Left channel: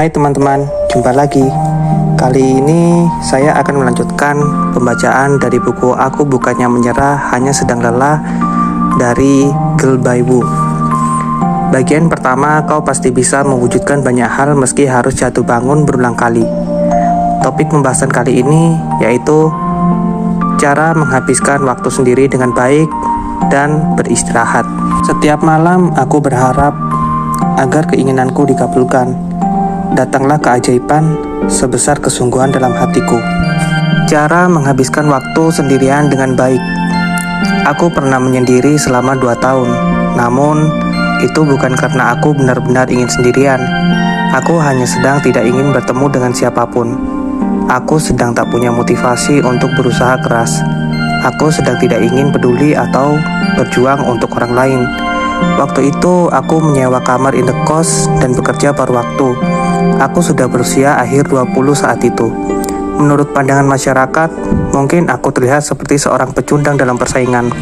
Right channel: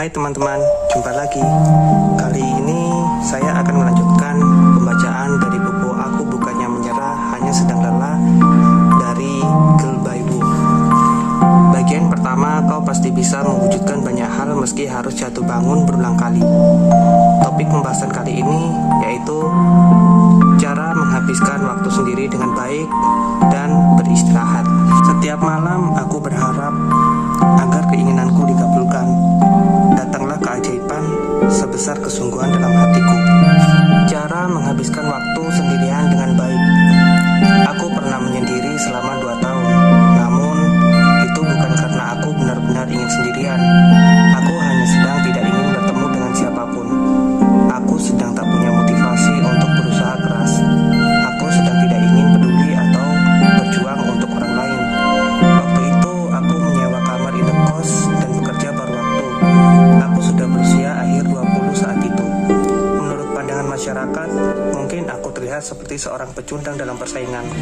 Hai teman-teman, jumpa lagi. Kali ini saya akan melanjutkan pembacaan dari buku Aku Bukannya Menyerah, Hanya Sedang Lelah dari Girl by Wu. Bagian pertama, kau pasti bisa mewujudkan banyak hal meski harus jatuh bangun berulang kali. Topik pembahasan kali ini yaitu cara menghabiskan waktu sendiri dengan baik dan beristirahat. Setiap malam aku berharap agar keinginanku dikabulkan. Datanglah keajaiban sebesar kesungguhan dalam hatiku. Cara menghabiskan waktu sendirian dengan baik. Aku pernah menyendiri selama 2 tahun. Namun, itu bukan karena aku benar-benar ingin sendirian. Aku hanya sedang tidak ingin bertemu dengan siapapun. Aku sedang tak punya motivasi untuk berusaha keras. Aku sedang tidak ingin peduli atau berjuang untuk orang lain. Waktu itu aku menyewa kamar indekos dan bekerja paruh waktu. Aku sudah berusia akhir 20 saat itu. Menurut pandangan masyarakat, mungkin aku terlihat seperti seorang pecundang dalam persaingan.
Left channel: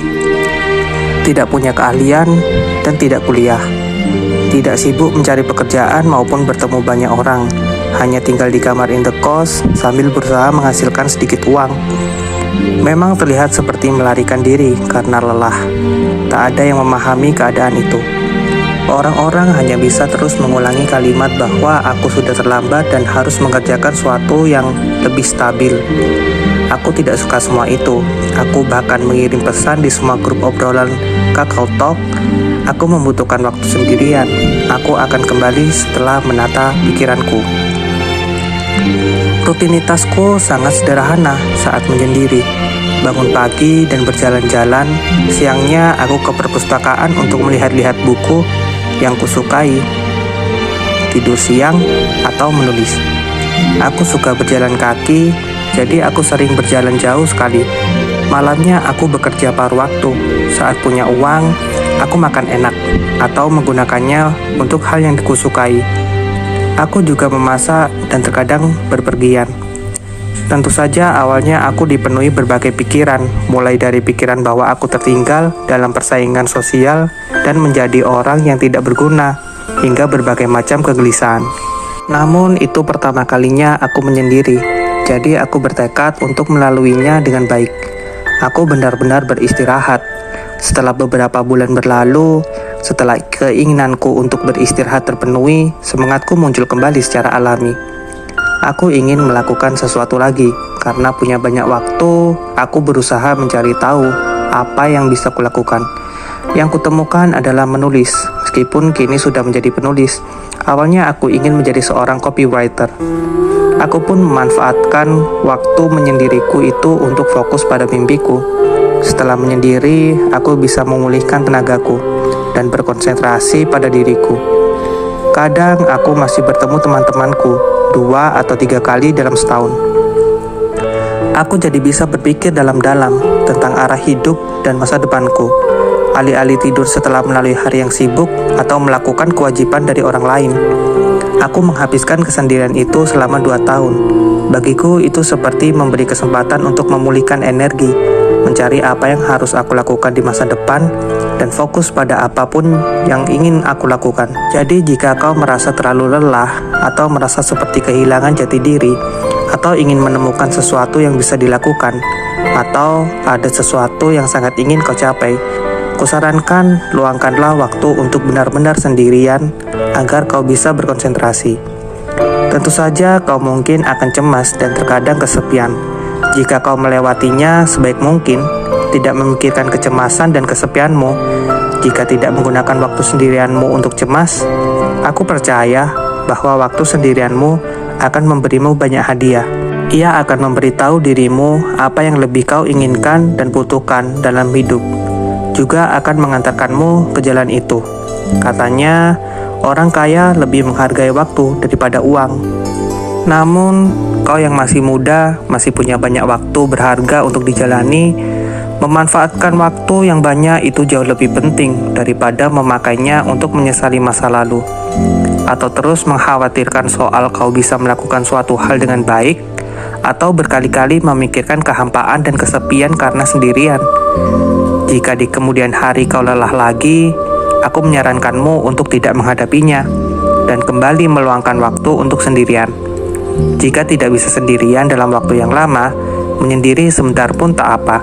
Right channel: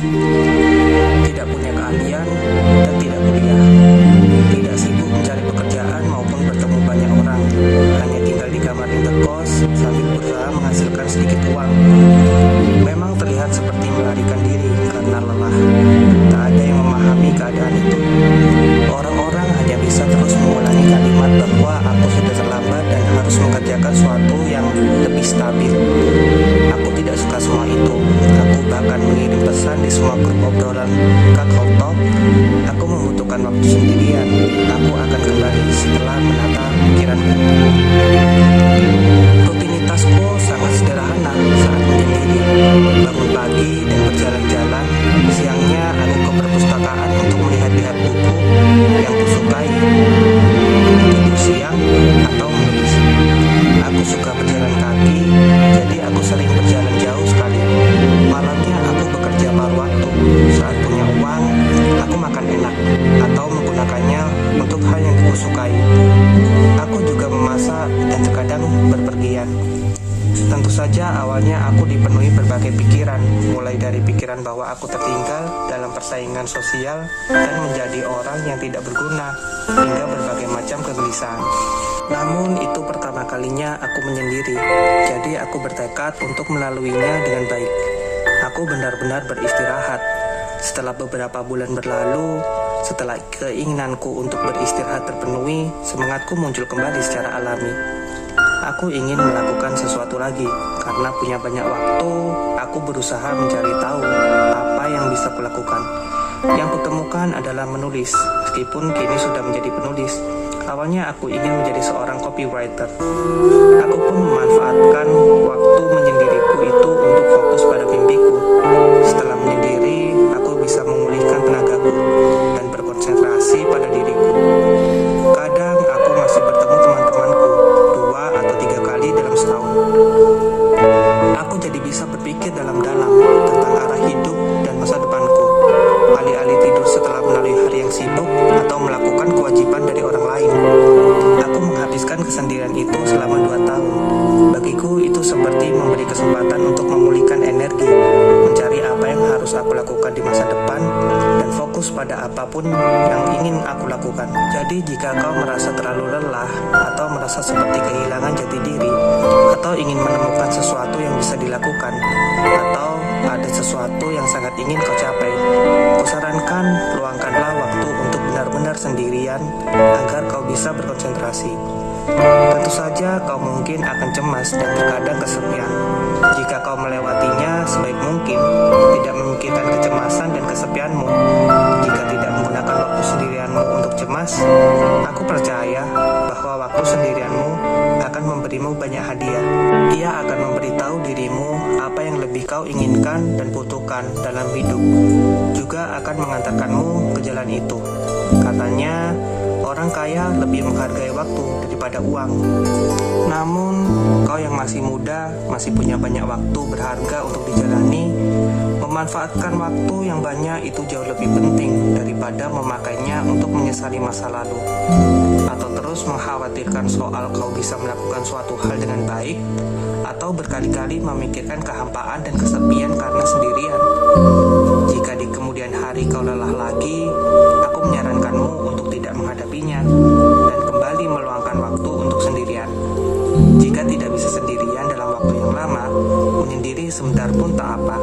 Tidak punya keahlian dan tidak kuliah. Tidak sibuk mencari pekerjaan maupun bertemu banyak orang. Hanya tinggal di kamar indekos sambil berusaha menghasilkan sedikit uang. Memang terlihat seperti melarikan diri karena lelah. Tak ada yang memahami keadaan itu. Orang-orang hanya bisa terus mengulangi kalimat bahwa aku sudah terlambat dan harus mengerjakan sesuatu yang lebih stabil. Aku tidak suka semua itu. Aku bahkan mengirim pesan di semua grup obrolan Kakao Talk. Aku membutuhkan waktu sendirian. Aku akan kembali setelah menata pikiranku. Rutinitasku sangat sederhana saat menyendiri. Bangun pagi dan berjalan-jalan. Siangnya aku ke perpustakaan untuk melihat-lihat buku yang kusukai. Tidur siang atau menulis. Aku suka berjalan kaki, jadi aku sering berjalan jauh sekali. Malamnya aku bekerja paruh waktu. Saat punya uang, aku makan enak atau menggunakannya untuk hal yang kusukai. Aku juga memasak dan terkadang berpergian. Tentu saja awalnya aku dipenuhi berbagai pikiran, mulai dari pikiran bahwa aku tertinggal dalam persaingan sosial dan menjadi orang yang tidak berguna, hingga berbagai macam kegelisahan. Namun itu pertama kalinya aku menyendiri, jadi aku bertekad untuk melaluinya dengan baik. Aku benar-benar beristirahat. Setelah beberapa bulan berlalu, setelah keinginanku untuk beristirahat terpenuhi, semangatku muncul kembali secara alami. Aku ingin melakukan sesuatu lagi. Karena punya banyak waktu, aku berusaha mencari tahu apa yang bisa kulakukan. Yang kutemukan adalah menulis, meskipun kini sudah menjadi penulis. Awalnya aku ingin menjadi seorang copywriter. Aku pun memanfaatkan waktu menyendiriku itu untuk fokus pada mimpiku. Setelah menyendiri, aku bisa memulihkan tenagaku dan berkonsentrasi pada diriku. Kadang aku masih bertemu teman-temanku 2 atau 3 kali dalam setahun. Aku jadi bisa berpikir dalam-dalam tentang arah hidup dan masa depanku. Alih-alih tidur setelah melalui hari yang sibuk atau melakukan kewajiban dari orang lain. Aku menghabiskan kesendirian itu selama 2 tahun. Bagiku itu seperti memberi kesempatan untuk memulihkan energi, mencari apa yang harus aku lakukan di masa depan, dan fokus pada apapun yang ingin aku lakukan. Jadi jika kau merasa terlalu lelah, atau merasa seperti kehilangan jati diri, atau ingin menemukan sesuatu yang bisa dilakukan, atau ada sesuatu yang sangat ingin kau capai, kusarankan luangkanlah waktu untuk benar-benar sendirian agar kau bisa berkonsentrasi. Tentu saja kau mungkin akan cemas dan terkadang kesepian. Jika kau melewatinya sebaik mungkin, tidak memikirkan kecemasan dan kesepianmu. Jika tidak menggunakan waktu sendirianmu untuk cemas, aku percaya bahwa waktu sendirianmu akan memberimu banyak hadiah. Ia akan memberitahu dirimu apa yang lebih kau inginkan dan butuhkan dalam hidup. Juga akan mengantarkanmu ke jalan itu. Katanya, orang kaya lebih menghargai waktu daripada uang. Namun, kau yang masih muda, masih punya banyak waktu berharga untuk dijalani. Memanfaatkan waktu yang banyak itu jauh lebih penting daripada memakainya untuk menyesali masa lalu. Atau terus mengkhawatirkan soal kau bisa melakukan suatu hal dengan baik, atau berkali-kali memikirkan kehampaan dan kesepian karena sendirian. Jika di kemudian hari kau lelah lagi, aku menyarankanmu untuk tidak menghadapinya dan kembali kembali meluangkan waktu untuk sendirian. Jika tidak bisa sendirian dalam waktu yang lama, menyendiri sebentar pun tak apa.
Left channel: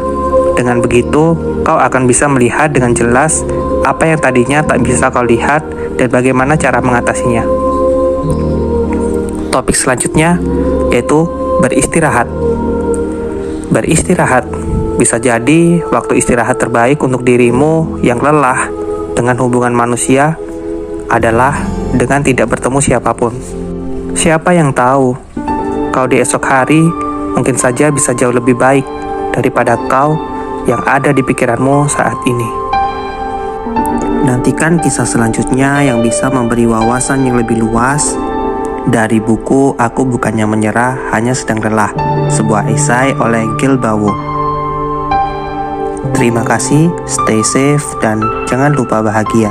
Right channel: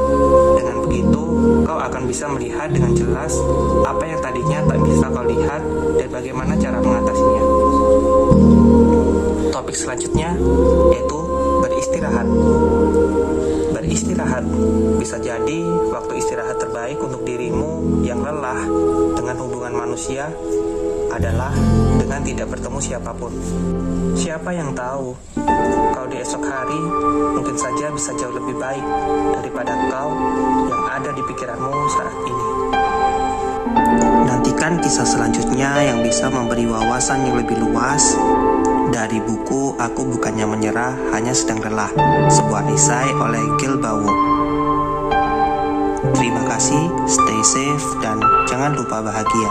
Dengan begitu, kau akan bisa melihat dengan jelas apa yang tadinya tak bisa kau lihat dan bagaimana cara mengatasinya. Topik selanjutnya yaitu beristirahat. Beristirahat bisa jadi waktu istirahat terbaik untuk dirimu yang lelah dengan hubungan manusia adalah dengan tidak bertemu siapapun. Siapa yang tahu, kau di esok hari mungkin saja bisa jauh lebih baik daripada kau yang ada di pikiranmu saat ini. Nantikan kisah selanjutnya yang bisa memberi wawasan yang lebih luas dari buku Aku Bukannya Menyerah, Hanya Sedang Lelah, sebuah esai oleh Gil Bawo. Terima kasih, stay safe, dan jangan lupa bahagia.